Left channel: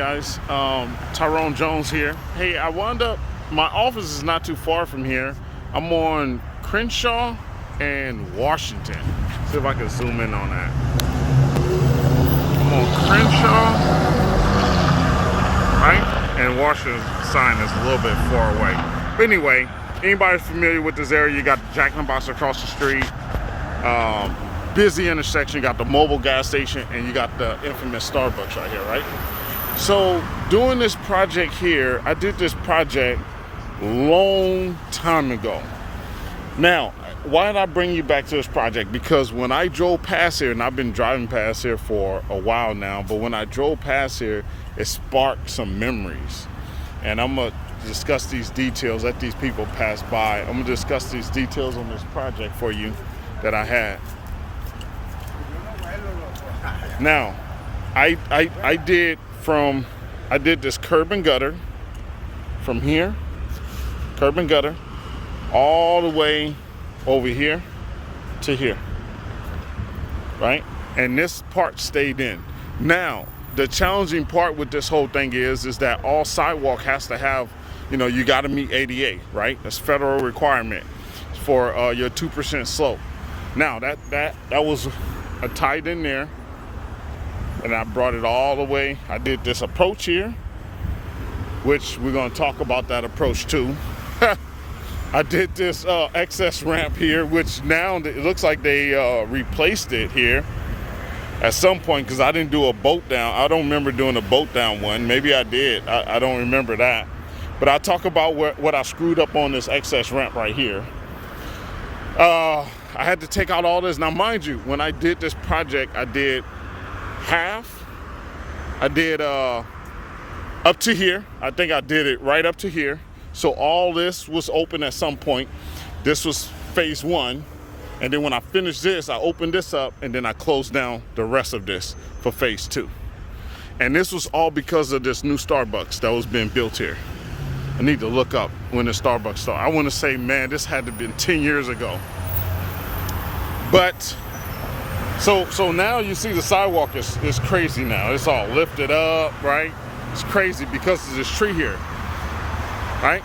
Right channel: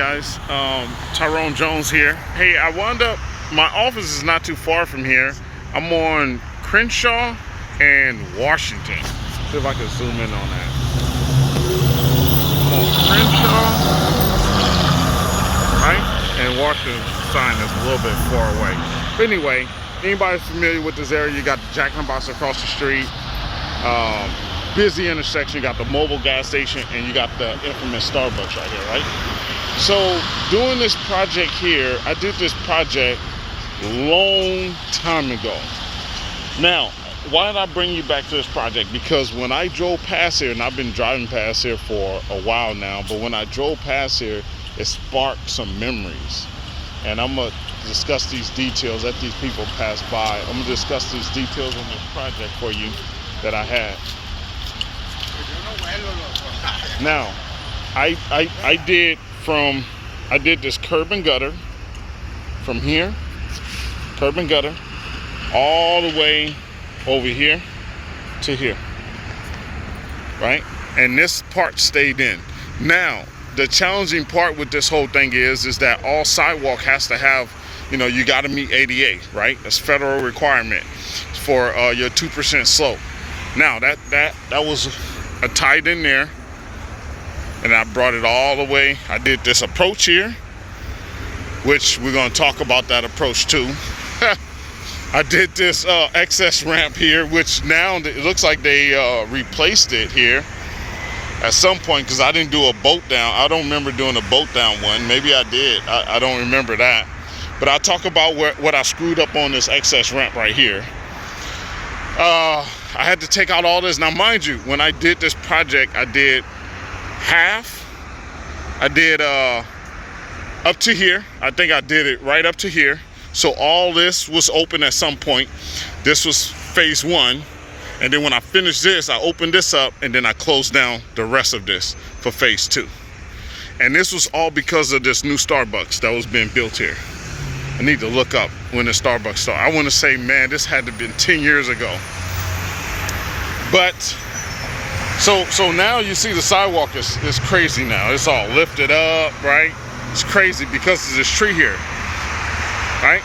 guys, Tyrone Jones here. Hey, I wound up, my office is not too far from here. I'm on Crenshaw and Washington. See if I can zoom in on that. I'm on Crenshaw, right? And Washington sign is a little bit far away. But anyway, anybody familiar with this area, you got the Jack in the Box across the street. Busy intersection, you got the mobile gas station, and you got the infamous Starbucks right here, right? So doing this project here, I did this project long time ago. Now, why did I bring you back to this project? Because when I drove past here, and I've been driving past here for a while now, but when I drove past here, it sparked some memories. And I'm gonna discuss these details, let these people pass by. I'm gonna discuss these details on this project for you that I had. Now, I did this curb and gutter from here, curb and gutter, all the way over here to here, right? And this part stayed in. Now, the challenging part with this whole thing is that all sidewalk has to have, you got to meet ADA, right? That's federal requirement for your 2% slope. Now, that was tied in there. And I brought it all the way. I did this approach here, which we're gonna talk about that approach too. I did this excess ramp here, which now it looks like they replaced it here at some point, because I didn't do a boat down. I don't remember doing a boat down one. Maybe I did, I don't remember that. But I'll talk about what I screwed up on this excess ramp right here. I had to take out all this. Now mind you, when I did this project, I did half. I did up to here. I think I did it right up to here. So all this was open at some point. This was phase one. And then when I finished this, I opened this up and then I closed down the rest of this for phase two. And this was all because of this new Starbucks that was being built here. I need to look up when the Starbucks started. I want to say, man, this had to have been 10 years ago. But So now you see the sidewalk is crazy now. It's all lifted up, right? It's crazy because of this tree here, right?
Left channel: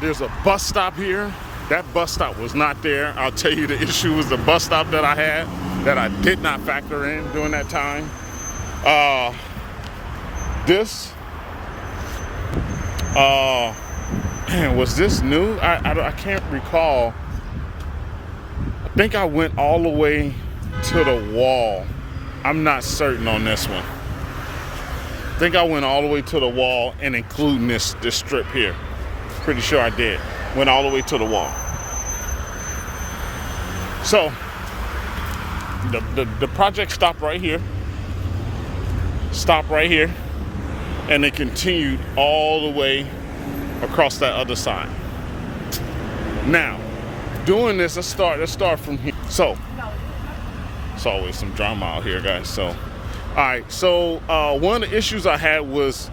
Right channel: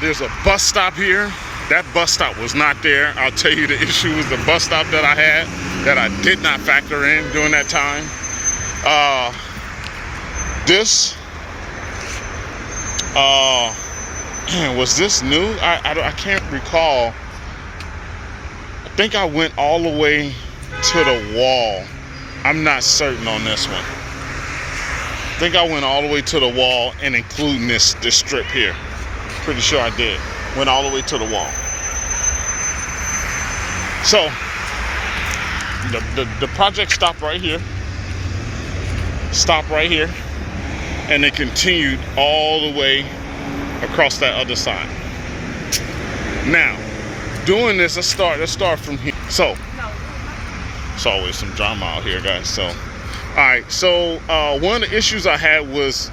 There's a bus stop here. That bus stop was not there. I'll tell you, the issue was the bus stop that I had that I did not factor in during that time. Man, was this new? I can't recall. I think I went all the way to the wall. I'm not certain on this one. I think I went all the way to the wall and including this strip here. Pretty sure I did. Went all the way to the wall. So the project stopped right here. Stopped right here. And it continued all the way across that other side. Now, doing this, let's start from here. So it's always some drama out here, guys. So, all right. So one of the issues I had was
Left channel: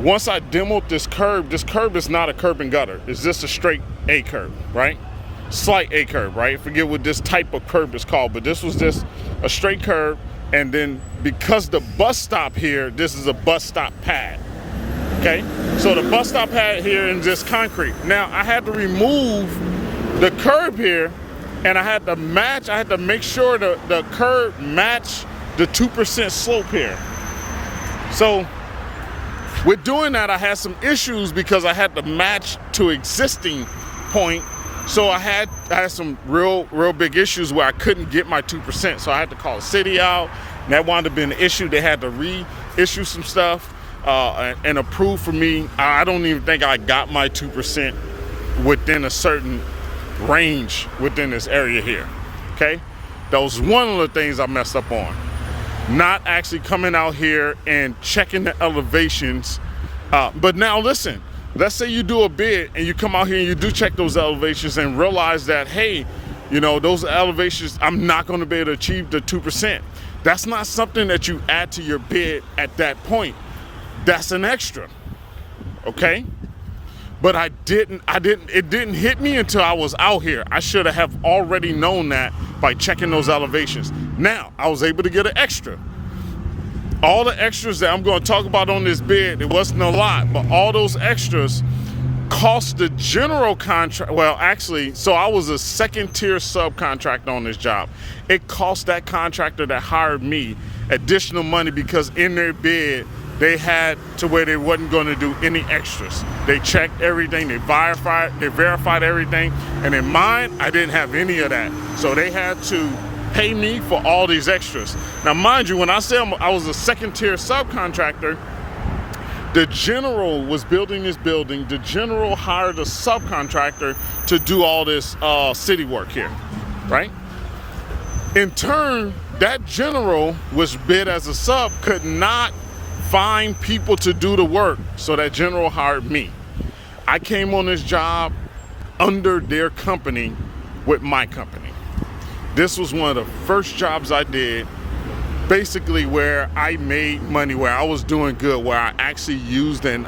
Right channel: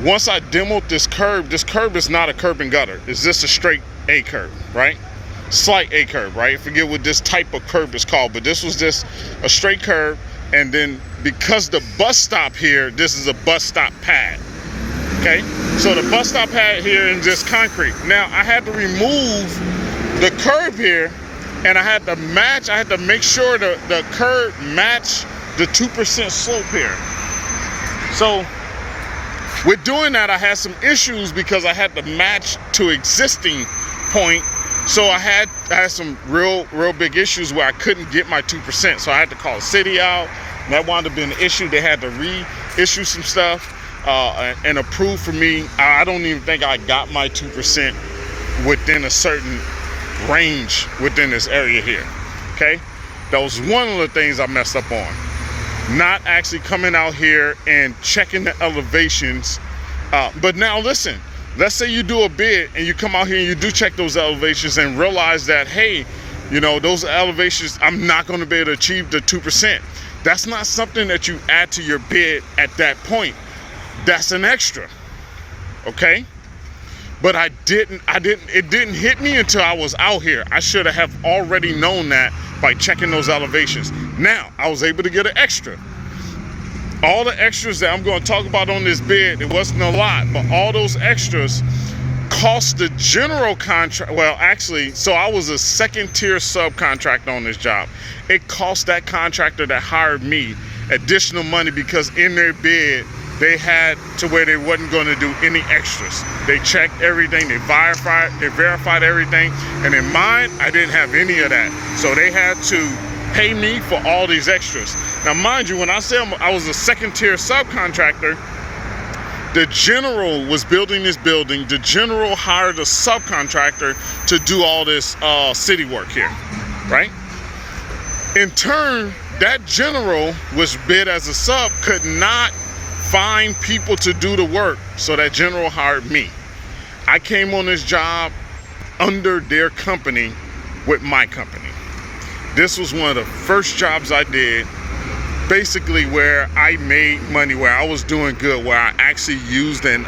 once I demoed this curb is not a curb and gutter. It's just a straight A curb, right? Slight A curb, right? Forget what this type of curb is called, but this was just a straight curb. And then because the bus stop here, this is a bus stop pad. Okay. So the bus stop pad here is just concrete. Now I had to remove the curb here. And I had to make sure the curb matched the 2% slope here. So with doing that, I had some issues because I had to match to existing point. So I had some real big issues where I couldn't get my 2%. So I had to call the city out. And that wound up being an issue. They had to reissue some stuff and approve for me. I don't even think I got my 2% within a certain range within this area here. Okay, that was one of the things I messed up on, not actually coming out here and checking the elevations. But now listen, let's say you do a bid and you come out here and you do check those elevations and realize that, hey, those elevations, I'm not going to be able to achieve the 2%. That's not something that you add to your bid at that point. That's an extra. Okay. But it didn't hit me until I was out here. I should have already known that by checking those elevations. Now, I was able to get an extra. All the extras that I'm going to talk about on this bid, it wasn't a lot, but all those extras cost the general contract. Well, actually, so I was a second tier subcontractor on this job. It cost that contractor that hired me additional money because in their bid, they had to where they wasn't going to do any extras. They checked everything, they verified everything, and in mine, I didn't have any of that. So they had to pay me for all these extras. Now, mind you, when I said I was a second tier subcontractor, the general was building this building. The general hired a subcontractor to do all this city work here, right? In turn, that general was bid as a sub, could not find people to do the work, so that general hired me. I came on this job under their company with my company. This was one of the first jobs I did, basically where I made money, where I was doing good, where I actually used an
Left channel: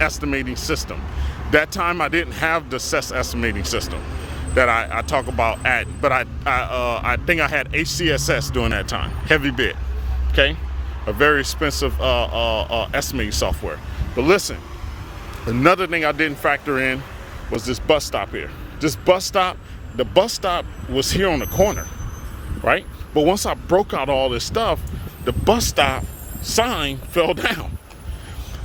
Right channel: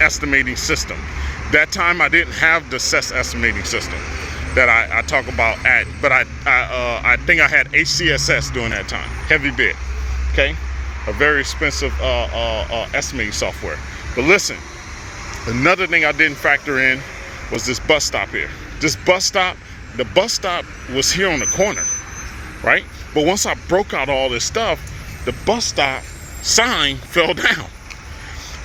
estimating system. That time I didn't have the CES estimating system that I talk about but I think I had HCSS during that time, heavy bid, okay? A very expensive estimating software. But listen, another thing I didn't factor in was this bus stop here. This bus stop, the bus stop was here on the corner, right? But once I broke out all this stuff, the bus stop sign fell down.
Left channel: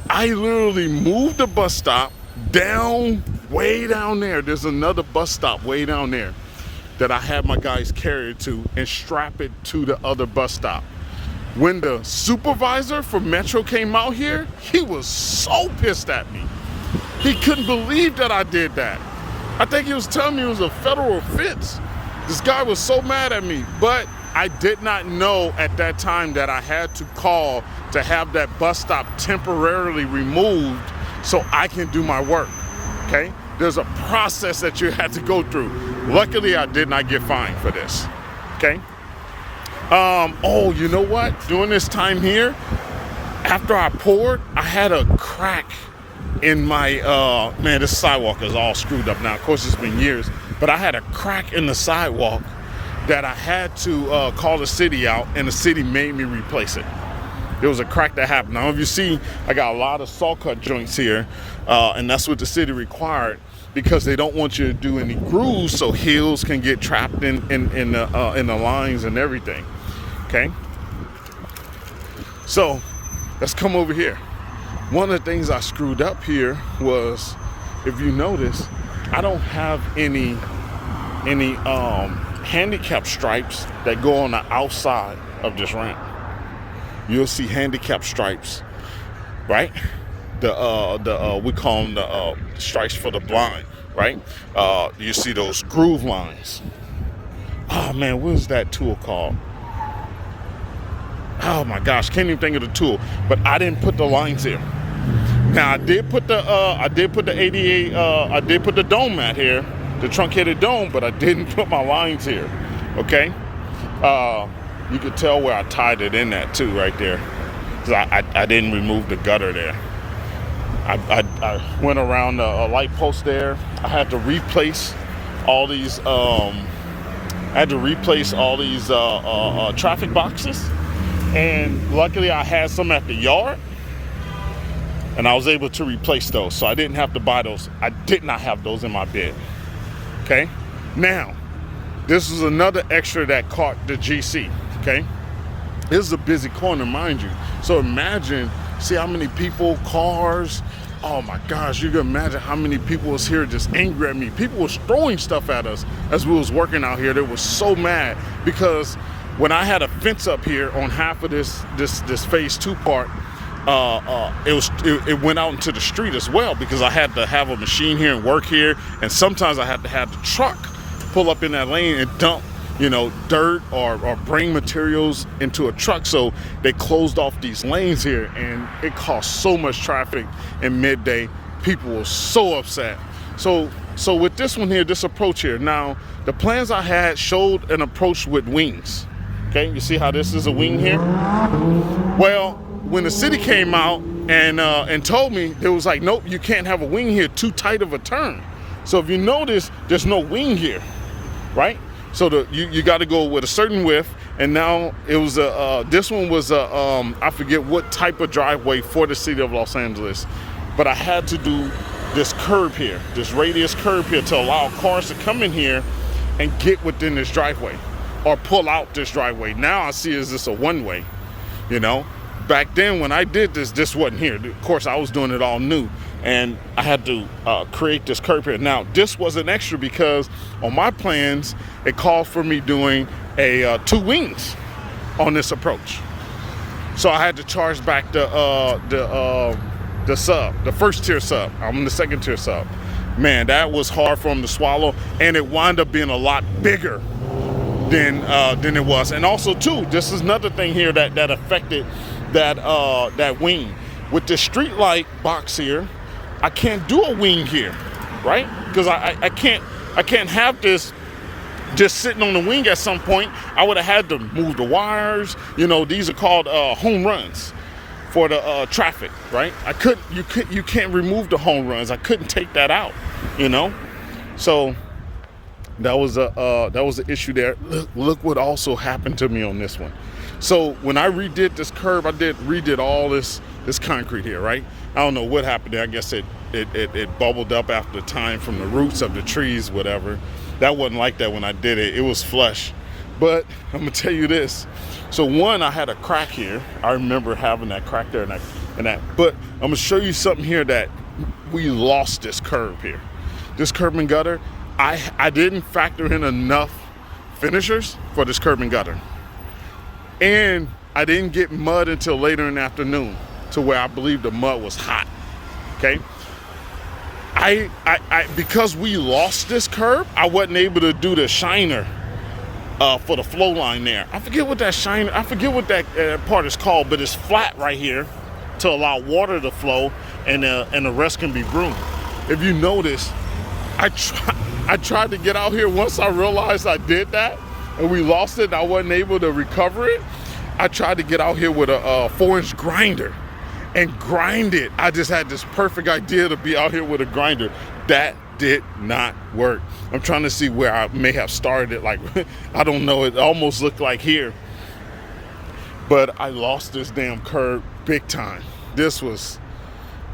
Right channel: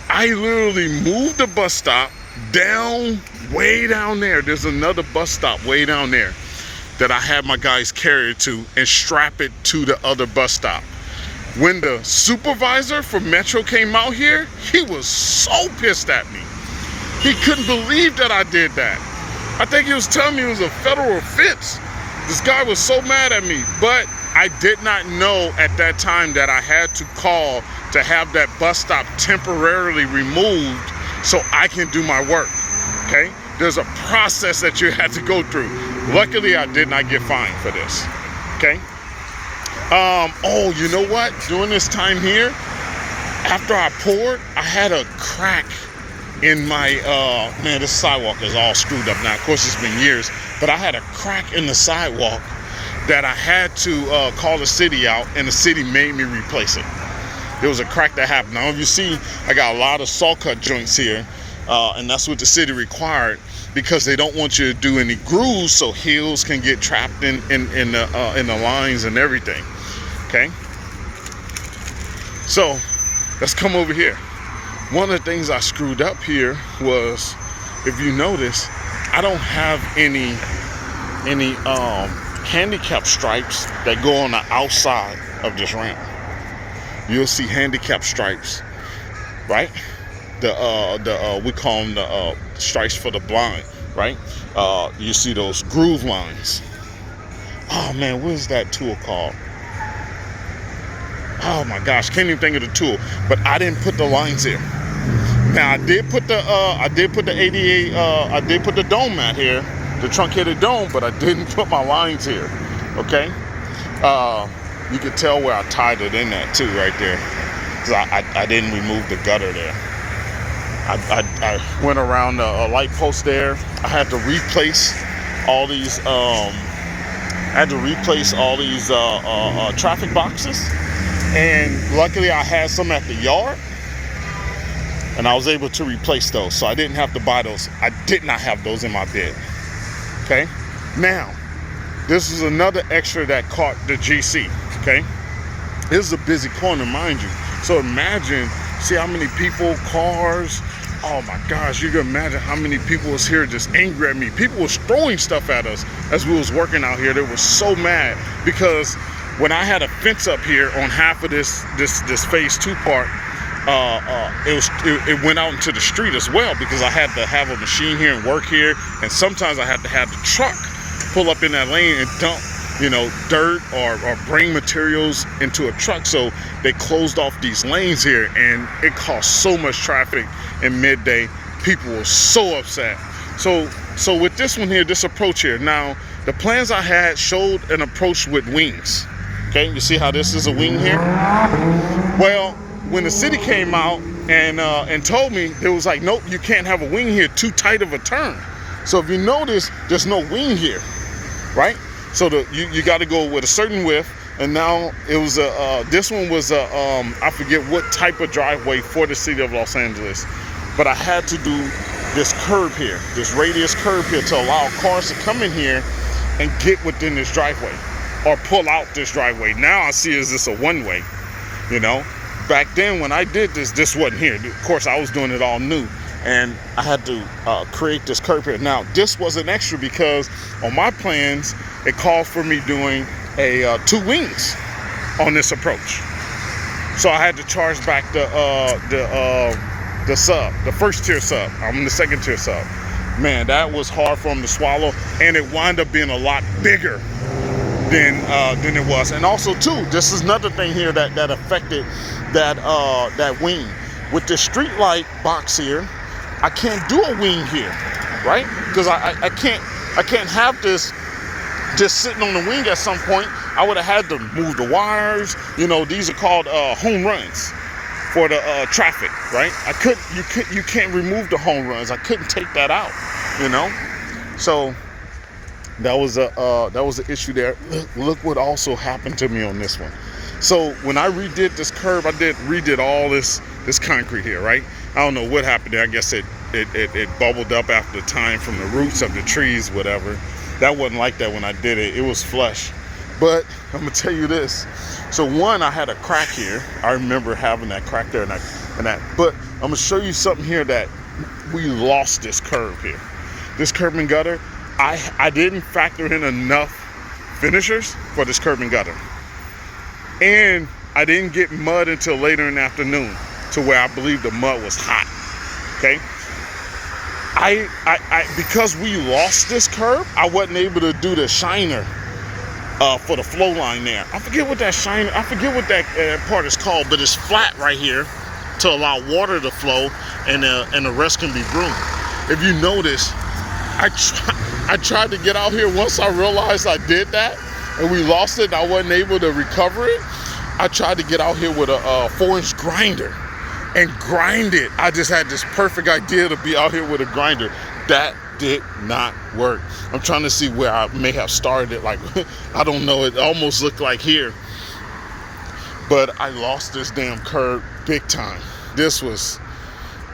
I literally moved the bus stop down, way down there. There's another bus stop way down there that I had my guys carry it to and strap it to the other bus stop. When the supervisor for Metro came out here, he was so pissed at me. He couldn't believe that I did that. I think he was telling me it was a federal offense. This guy was so mad at me, but I did not know at that time that I had to call to have that bus stop temporarily removed so I can do my work, okay? There's a process that you had to go through. Luckily, I did not get fined for this, okay? Oh, you know what? During this time here, after I poured, I had a crack in my, man, this sidewalk is all screwed up now. Of course, it's been years, but I had a crack in the sidewalk that I had to call the city out, and the city made me replace it. There was a crack that happened. Now, if you see, I got a lot of saw cut joints here, and that's what the city required because they don't want you to do any grooves so heels can get trapped in the lines and everything. Okay, so let's come over here. One of the things I screwed up here was, if you notice, I don't have any handicap stripes that go on the outside of this ramp. You'll see handicap stripes, right? We call them the stripes for the blind, right? You see those groove lines. Oh man, what is that tool called? Oh my gosh, can't even think of the tool. But I didn't put the lines here. Now I did put the ADA, I did put the dome mat here, the truncated dome, but I didn't put my lines here. Okay, you could tell where I tied it in that too, right there, because I didn't remove the gutter there. I went around a light post there. I had to replace all these. Traffic boxes. And luckily I had some at the yard and I was able to replace those. So I didn't have to buy those. I did not have those in my bid. Okay. Now, this is another extra that caught the GC. Okay. This is a busy corner, mind you. So imagine, see how many people, cars. Oh my gosh, you can imagine how many people was here just angry at me. People was throwing stuff at us as we was working out here. They were so mad because when I had a fence up here on half of this phase 2 part, it went out into the street as well because I had to have a machine here and work here, and sometimes I had to have the truck pull up in that lane and dump, you know, dirt or bring materials into a truck. So they closed off these lanes here, and it caused so much traffic in midday. People were so upset. So with this one here, this approach here, now the plans I had showed an approach with wings. Okay, you see how this is a wing here? Well, when the city came out and told me, it was like, nope, you can't have a wing here, too tight of a turn. So if you notice, there's no wing here, right? So you got to go with a certain width, And now it was this one was I forget what type of driveway for the city of Los Angeles, but I had to do this curb here, this radius curb here, to allow cars to come in here and get within this driveway or pull out this driveway. Now I see is this a one-way, you know. Back then when I did this, this wasn't here. Of course, I was doing it all new, and I had to create this curb here. Now this was an extra because on my plans it called for me doing a 2 wings on this approach, so I had to charge back the sub, the first tier sub. I'm the second tier sub. Man, that was hard for them to swallow, and it wound up being a lot bigger than it was. And also too, this is another thing here that affected that wing. With the street light box here, I can't do a wing here, right? Because I can't have this just sitting on the wing. At some point I would have had to move the wires. You know, these are called home runs for the traffic, right? You can't remove the home runs. I couldn't take that out, you know. So that was an issue there. Look what also happened to me on this one. So when I redid this curb, I redid all this concrete here, right? I don't know what happened there. I guess it bubbled up after the time from the roots of the trees, whatever. That wasn't like that when I did it. It was flush. But I'm gonna tell you this. So one, I had a crack here. I remember having that crack there and that. But I'm gonna show you something here that we lost this curb here. This curb and gutter, I didn't factor in enough finishers for this curb and gutter. And I didn't get mud until later in the afternoon, to where I believe the mud was hot. Okay. I because we lost this curb, I wasn't able to do the shiner for the flow line there. I forget what that shiner, I forget what that part is called, but it's flat right here to allow water to flow, and the rest can be groomed. If you notice, I tried to get out here once I realized I did that and we lost it and I wasn't able to recover it. I tried to get out here with a 4-inch grinder and grind it. I just had this perfect idea to be out here with a grinder. That did not work. I'm trying to see where I may have started it. Like, I don't know. It almost looked like here. But I lost this damn curb big time. This was,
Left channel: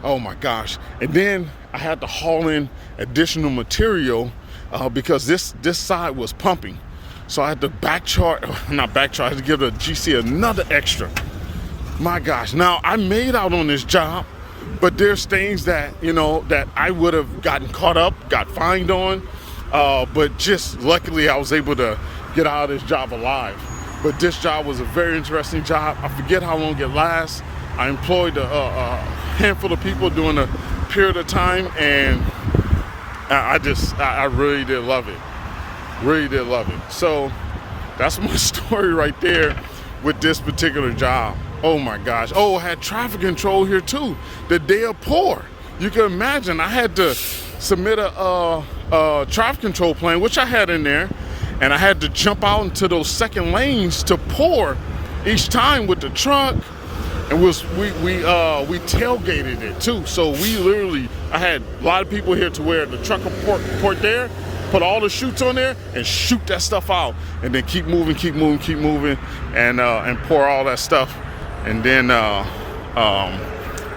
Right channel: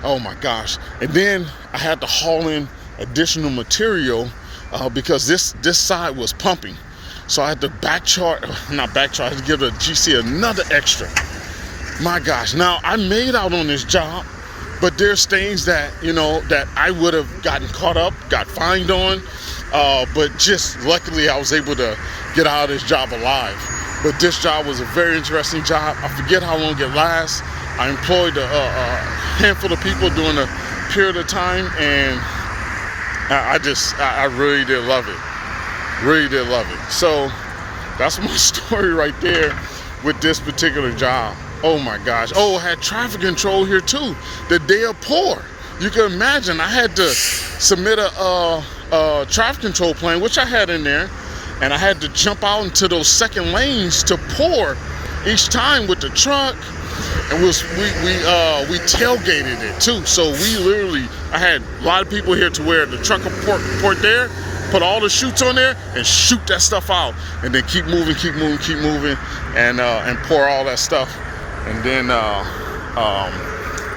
oh my gosh. And then I had to haul in additional material because this side was pumping. So I had to I had to give the GC another extra. My gosh. Now I made out on this job, but there's things that, you know, that I would have gotten caught up, got fined on. But just luckily I was able to get out of this job alive. But this job was a very interesting job. I forget how long it lasts. I employed a handful of people during a period of time, and I really did love it. Really did love it. So that's my story right there with this particular job. Oh my gosh. Oh, I had traffic control here too. The day of pour. You can imagine I had to submit a traffic control plan, which I had in there, and I had to jump out into those second lanes to pour each time with the truck. And we tailgated it too. So we literally, I had a lot of people here to where the truck will port there, put all the chutes on there and shoot that stuff out, and then keep moving, and pour all that stuff. And then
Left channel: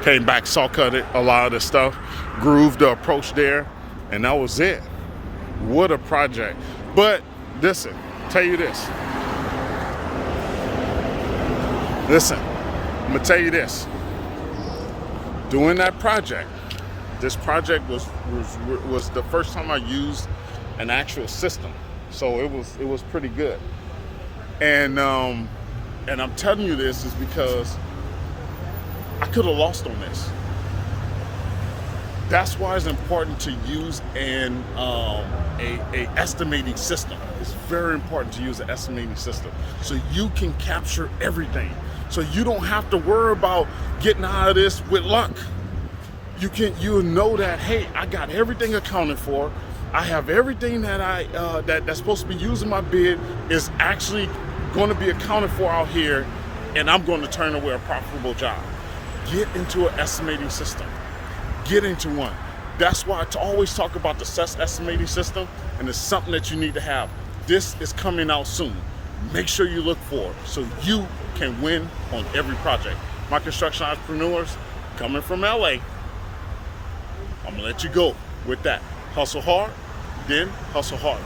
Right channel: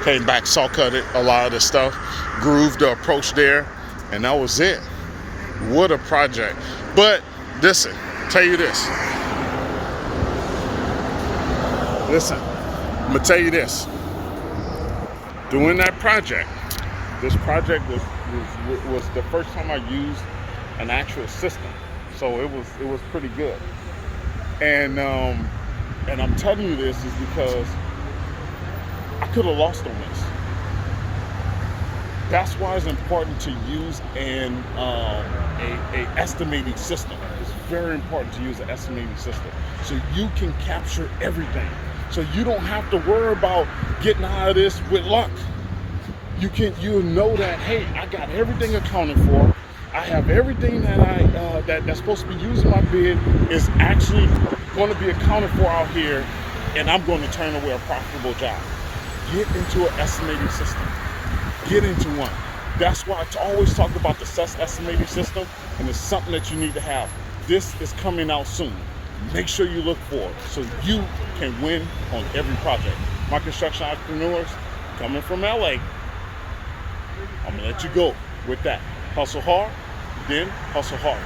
came back, saw cut it, a lot of the stuff, grooved the approach there, and that was it. What a project. But listen, tell you this. Listen, I'm gonna tell you this. Doing that project, this project was the first time I used an actual system, so it was pretty good. And I'm telling you this is because I could have lost on this. That's why it's important to use a estimating system. It's very important to use an estimating system so you can capture everything. So you don't have to worry about getting out of this with luck. You'll know that, hey, I got everything accounted for. I have everything that that's supposed to be used in my bid is actually going to be accounted for out here, and I'm going to turn away a profitable job. Get into an estimating system. Get into one. That's why I always talk about the CES estimating system, and it's something that you need to have. This is coming out soon. make sure you look for so you can win on every project. My construction entrepreneurs coming from LA, I'm gonna let you go with that. Hustle hard, then hustle hard.